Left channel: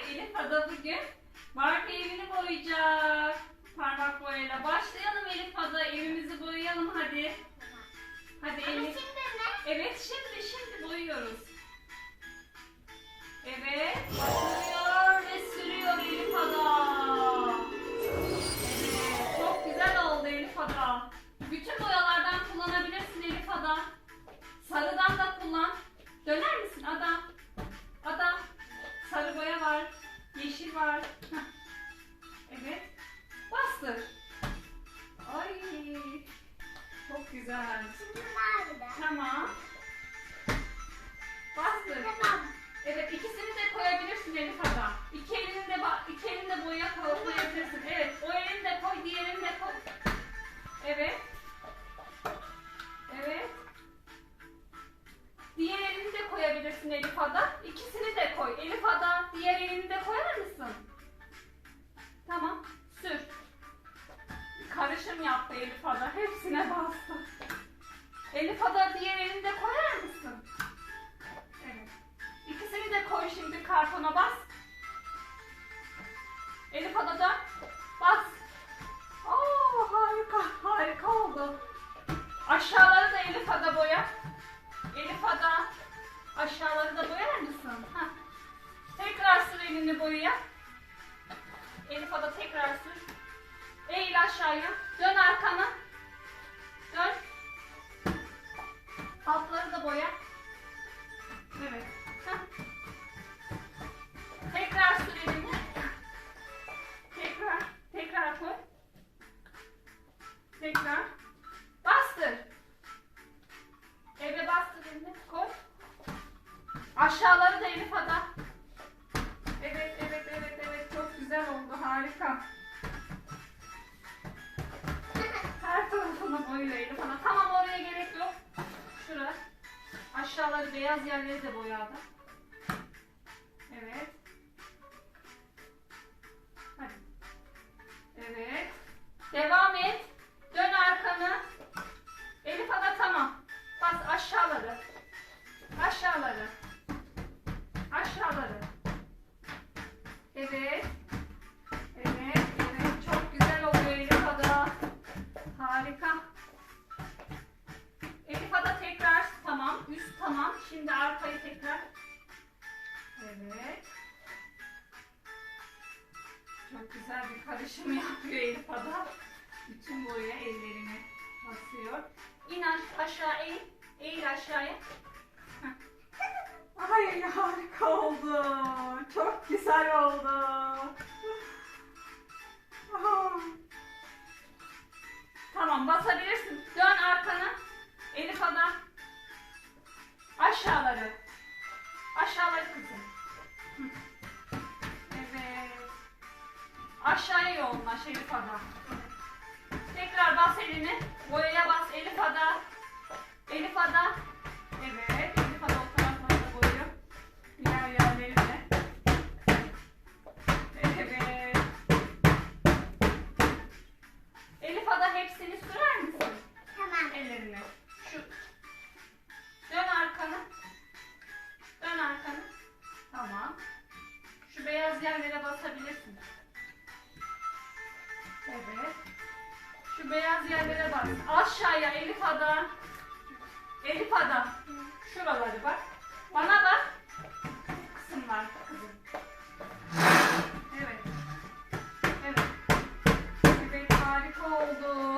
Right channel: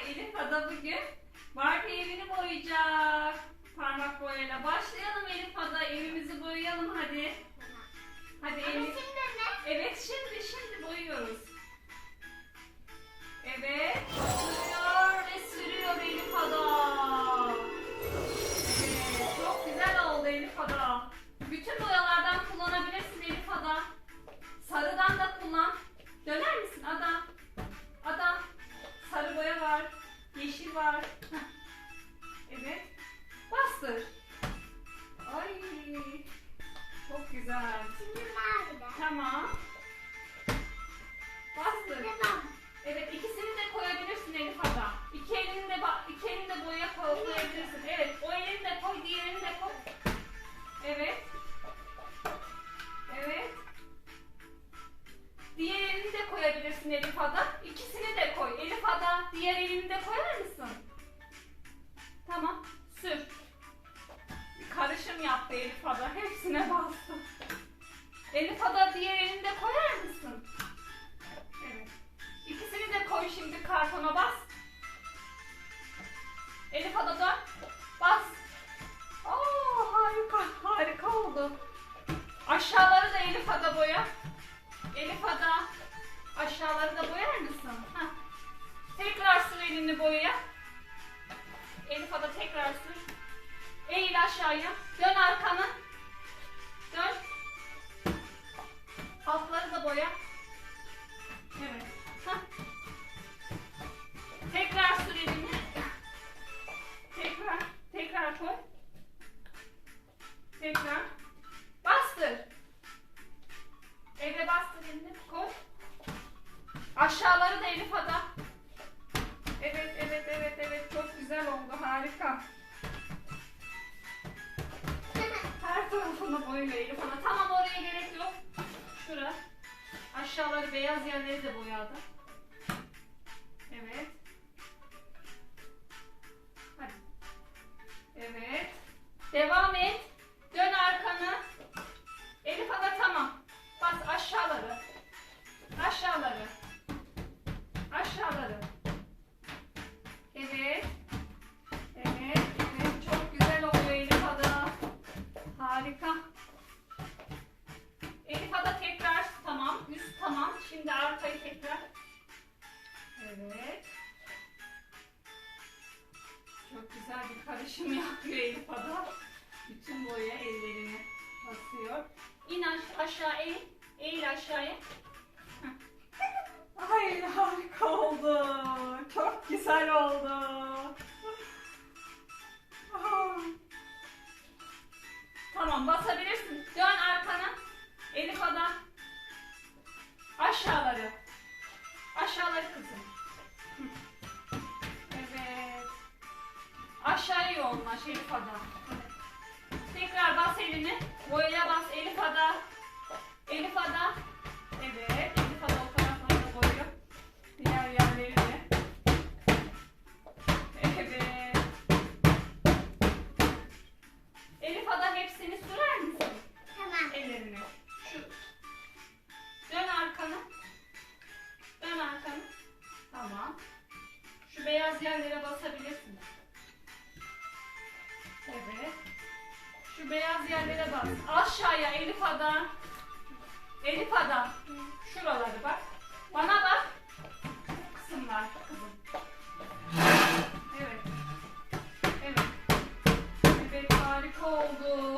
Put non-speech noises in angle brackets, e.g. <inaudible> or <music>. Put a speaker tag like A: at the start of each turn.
A: Elif Ada bugün Barbie evini boyayacak. Parmak boyayla. Başlayalım Elif Ada. Evimizi boyayalım hadi. Hadi
B: Ama
A: Elif.
B: şimdi ne?
A: Evet şimdi şimdi boyuyoruz. Evet başlıyor İkisini de koy. Elif Ada diğer elini de koyar mısın? Tamam. Sür. Karışım yaptı Elif Ada. Hepsine bastı. Elif Ada diğer elini de koyar mısın? Evet. İkisini de koy şimdi kartona bas. Elif Ada da bas. Aa, harika, harika oldu. Aşağıları da Elif Ada boya. Elif Ada aşağıları da boyar mısın? Hah. Tekrar sür elini boyaya. Elif Ada tekrar sür. Eğil aşağıya. Dön arkana. Dön. Altları da boya. Evet. Elif Ada. Evet, evet, evet, evet. Çok güzel oldu. Harika. Her tarafını boyla Elif Ana. Tamam oraya gerek yok. Şura. Aşağıları beyaz yerleri de boyadı. Arkayı tekrar. Evet. Çok güzel bir karışım yapıyor Elif Ada. Bütün boya ellerine basıyor. İn aş- aşağı eğil. Eğil aşağıya. <laughs> Ay harika oldu. Çok güzel oldu. Tamam basabilirsin. Evet. Aşağıya yoğunlaş Elif Ada. Evet. Tekrar bas elini. Boyaya bas Elif Ada. Elif Ada. Şu beyaz yerlere bas. Aşağıya Elif Ada. Elif Ada. Şuraları bak. Bana bak. Kısımlar kızım. Evet. Evet. Evet harika oldu.